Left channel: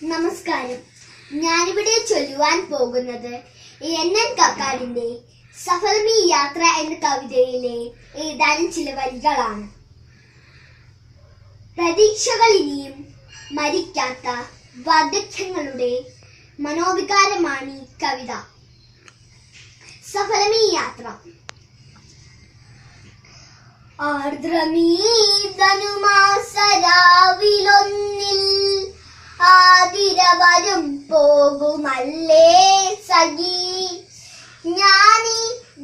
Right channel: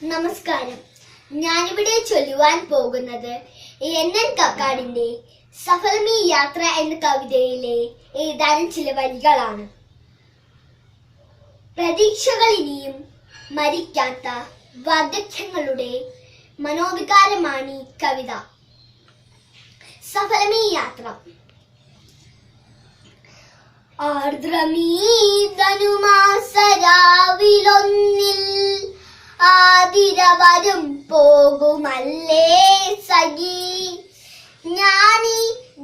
നമസ്കാരം. ഞാനിവിടെ ചൊല്ലുവാൻ പോകുന്നത് NN കക്കാടിന്റെ സഫലമീ യാത്ര എന്ന കവിതയിലെ ഏതാനും ചില വരികളാണ്. പ്രതീക്ഷകൾ ഇനിയും മരിക്കാത്ത വാർദ്ധക്യങ്ങളുടെ മനോവികാരമാണ് ഈ കവിത. സഫലമീ യാത്ര. ആർദ്രമീ ധനുമാസരാവിലൊന്നിൽ ആതിര വരും പോകുമല്ലേ സഖി, ഞാനീ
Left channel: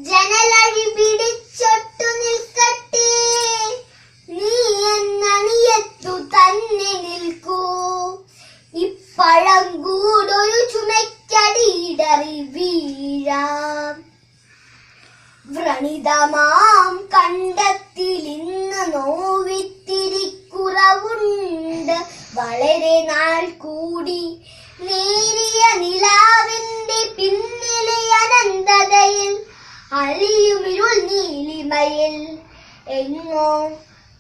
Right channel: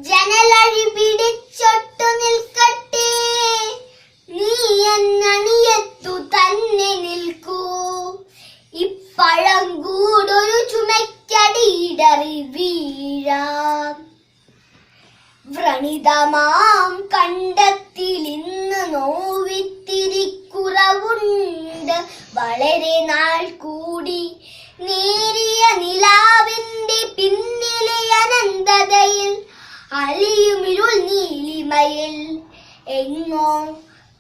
ജനലഴി പിടിച്ചൊട്ടു നിൽക്കട്ടെ, നീ എന്നണിയത്തു തന്നെ നിൽക്കൂ, ഇപ്പഴം കൂടൊരു ചുമയ്ക്കടിയിടറി വീഴാം. വ്രണിതമാം കണ്ടത്തിലിന്ന് നോവിത്തിരി കുറവുണ്ട്, വളരെ നാൾ കൂടി നേരിയ നിലാവിന്റെ പിന്നിലെ അനന്തതയിൽ അലിയുമിരുൾ നീലിമയിൽ എങ്ങോ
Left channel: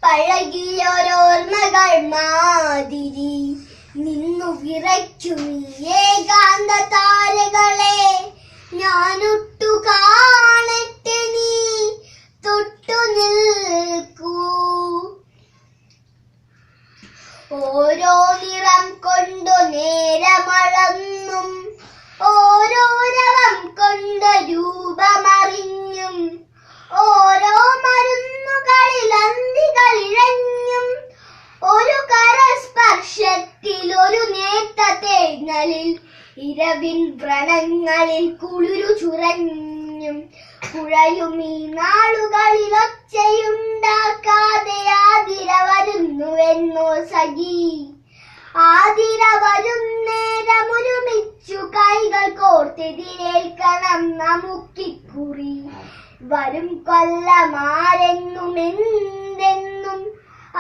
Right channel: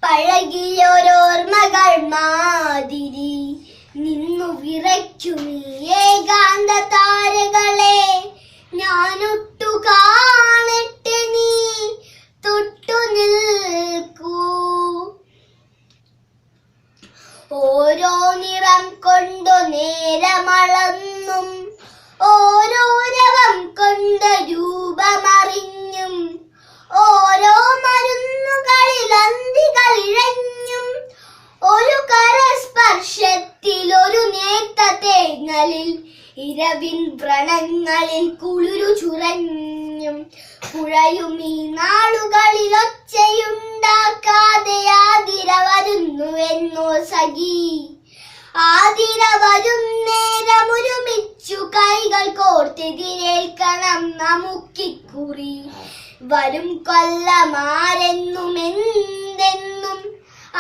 പഴകിയൊരോർമ്മകൾ മാതിരി നിന്നു വിറയ്ക്കും ഏകാന്ത താരകളെ ഞാനൊട്ടു കാണട്ടെ, നീ തൊട്ടു നിൽക്കൂ. ഓരോ നിറം കൊണ്ടു നേരമളന്നും ഓരോ രവം കൊണ്ട് രൂപമറിഞ്ഞും ഓരോ മരുന്നുകളിൽ അന്തികളിഴഞ്ഞും ഒരു കരസ്പർശത്തിൽ ഒരു നേർത്ത തേങ്ങലിൽ ഇരവിൻ വ്രണങ്ങളിൽ കുളിരു ചുരഞ്ഞും പുഴയും ഈ നാളുകളിൽ ഒച്ചയുണ്ടാക്കാതെ ആതിര വരുന്നുവെന്നോ സഖി, ആതിര വരും നേരമൊരുമിച്ചു കൈകൾ കോർത്തെതിരേൽക്കണം നമുക്കിക്കുറി. വരും കൊല്ലമാരെന്നും എന്തെന്നും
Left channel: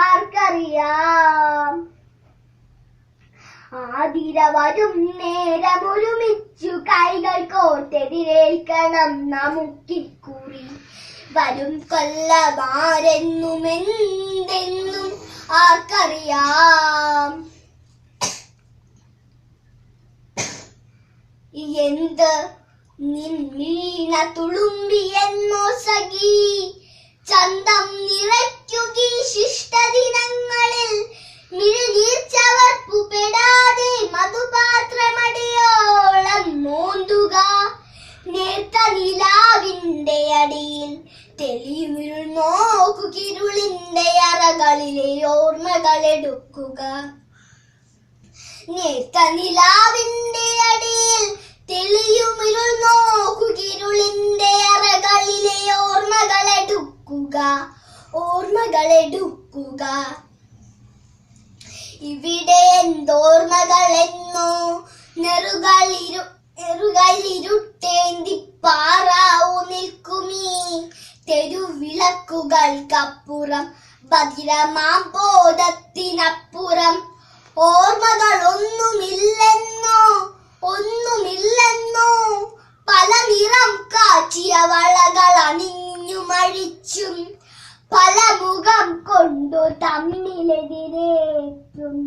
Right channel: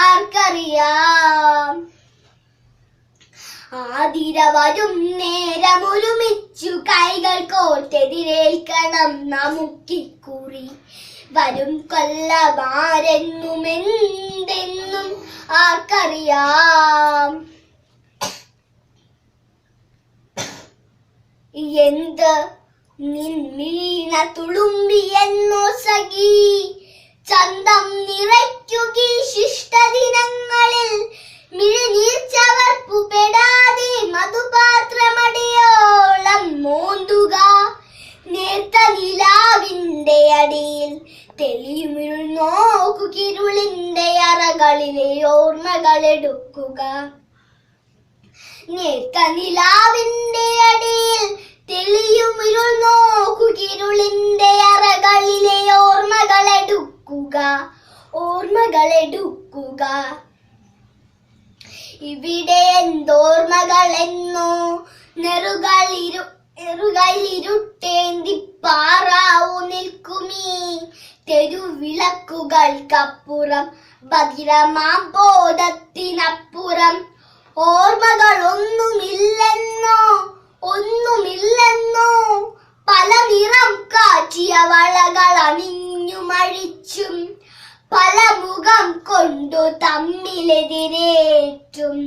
ആർക്കറിയാം, ആതിര വരും നേരമൊരുമിച്ചു കൈകൾ കോർത്തെതിരേൽക്കണം നമുക്കിക്കുറി. വരും കൊല്ലമാരെന്നും എന്തെന്നും ആർക്കറിയാം. എന്ത് നിൻമീണ തുളുമ്പിയെന്നോ സഖി, ചന്തം നിറയ്ക്കുകീ ശിഷ്ടദിനങ്ങളിൽ മിഴിനീർ ചവർപ്പുപെടാതെ മധുപാത്രമടിയോളം മോന്തുക. നേർത്ത നിലാവിന്റെ അടിയിൽ തെളിയുമിരുൾ നോക്കുകിരുളിന്റെ അറകളിലെ ഓർമ്മകളെടുക്കുക. നേർത്ത നിലാവിന്റെ അടിയിൽ തെളിയുമിരുൾ നോക്കുകിരുളിന്റെ അറകളിലെ ഓർമ്മകളെടുക്കുക. ഇവിടെ എന്തോർമ്മകളെന്നോ നെറുകളിരുട്ടേന്തി പാറാവു നിൽക്കുമീ തെരുവിളക്കുകൾക്കപ്പുറം ഭദ്രമാം ബോധത്തിനപ്പുറം. ഓർമ്മകൾ ഒന്നുമില്ലെന്നോ പല നിറം കാറ്റിയ വളകൾ അണിഞ്ഞു മഴിച്ചും പല മുഖം കൊണ്ടു തമ്മിലെതിരേറ്റും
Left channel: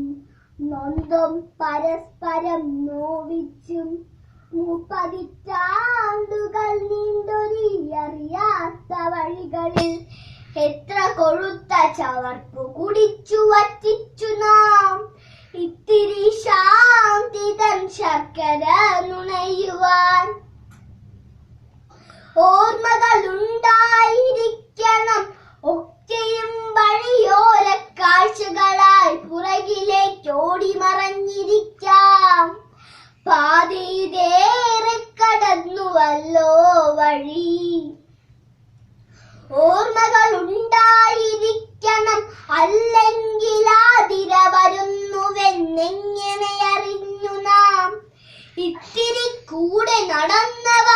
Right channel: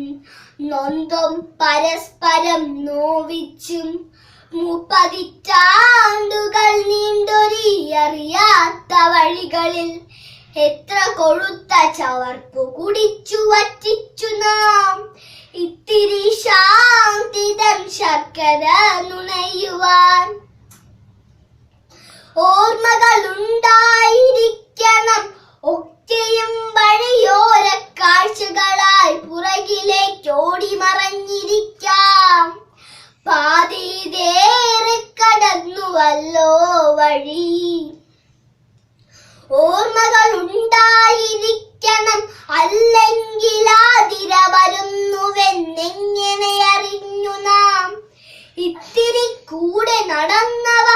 നൊന്തും പരസ്പരം നോവിച്ചും 30 പതിറ്റാണ്ടുകൾ നീണ്ടൊരിയറിയാത്ത വഴികളിൽ എത്ര കൊഴുത്ത ചവർപ്പു കുടിച്ചു വറ്റിച്ചു നാം ഇത്തിരി ശാന്തിതം ശർക്കര നുണയുവാൻ. ഓർമ്മകൾ ഉണ്ടായിരിക്കണം ഒക്കെയും വഴിയോര കാഴ്ചകളായി പുറകിലേക്കോടി മറഞ്ഞിരിക്കാം. പാതിയിലേറെ കടന്നുവല്ലോ വഴി. ഓർമ്മകൾ ഉണ്ടായിരിക്കണം, അല്ലെങ്കിൽ ആതിര വരുന്നുവെന്നെങ്ങനെ അറിഞ്ഞു നാം. ഇത്തിരി കൂടെ നടന്നവ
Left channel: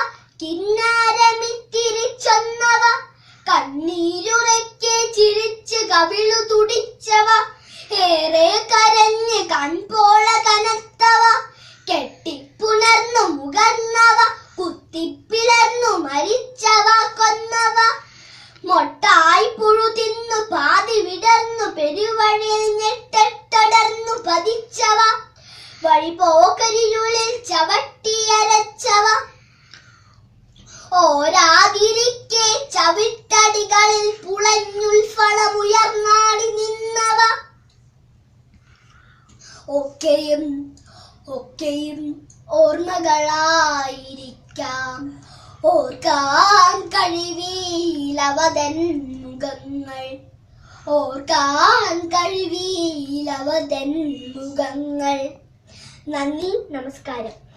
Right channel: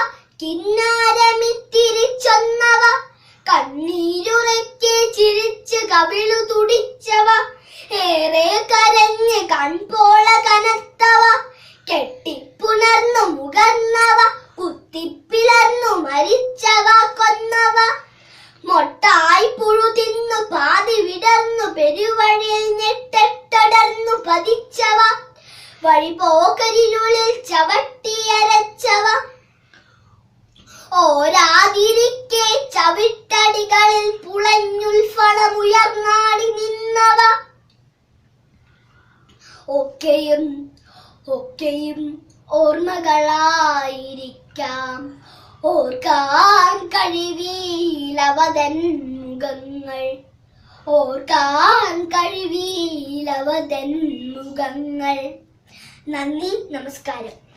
കിന്നാരമിത്തിരി ചൊന്നവ, കണ്ണീരുറക്കെ ചിരിച്ച് കവിളു തുടിച്ചവ, ഏറെ കരഞ്ഞ് കൺപോള കനത്തവ, കെട്ടിപ്പുണർന്നു മുകർന്നവ, കുത്തിപ്പിളർന്നു മരിച്ചവ, കൊന്നവ, മൊട്ടായി പുഴു തിന്നു പാതി വിടർന്നു പെരുവഴിയിൽ ഞെട്ടടർന്നു പതിച്ചവ, വഴിപോക്കരിരുളിൽ ചവിട്ടിയരച്ചവ ഓരാതിരിക്കെ ചവിട്ടടികളിൽ പുളഞ്ഞുൽഫണമുയർന്നാടി നിന്നവ ഒക്കെയും ഓർമ്മകളായിരിക്കാം ഓർക്കാൻ കഴിവീലവതൻ മുഖങ്ങൾ മുഖങ്ങൾ. നന്ദി, നമസ്കാരം.